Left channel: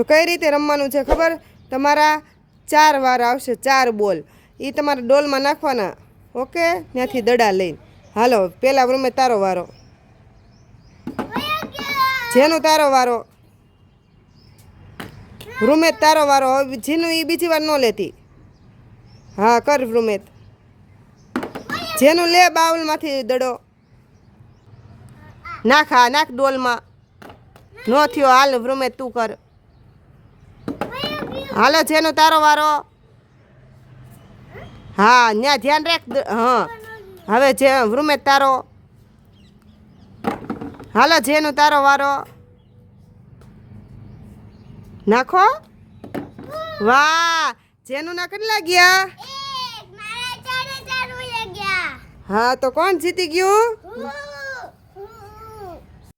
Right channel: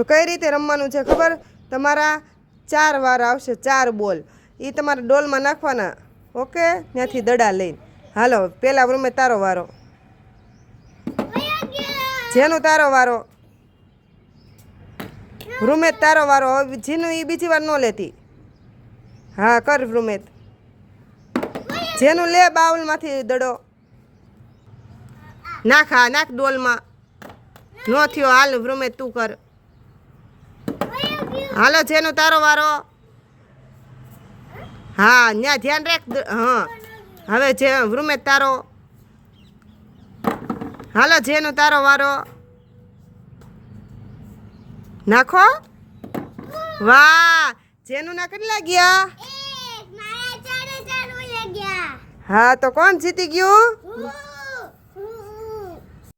જો કઈ રીતે રમવાનું છે ખબર, તમારા 4 વાર આવશે, 4 બોલ, એ તમારા ડોલમાં નાખવાના. ઓકે, ત્યાંથી દડા લઈને. હાલો પેલા રૂમે તારો વારો, જેનું તારો વારો, રૂમેત તારો વારો. હવે જીનું એ બીજી વાર ન લેતી. હા કર રૂમેત, જેનું લે બાઉલમાંથી દડો નાખ. હા નાખ ડોલમાં. ન થયો હાલ રૂમેત તું કર. હાલો જેનું તારો વારો. હા ત્યાં ધ્યાન રાખ. હા હવે જે રૂમેત તારો. હાલો જેનું તારો વારો. નાખો. વાહ, જેનું ના કેટલા ગયા? હા તો કોણ જીતી ગયું?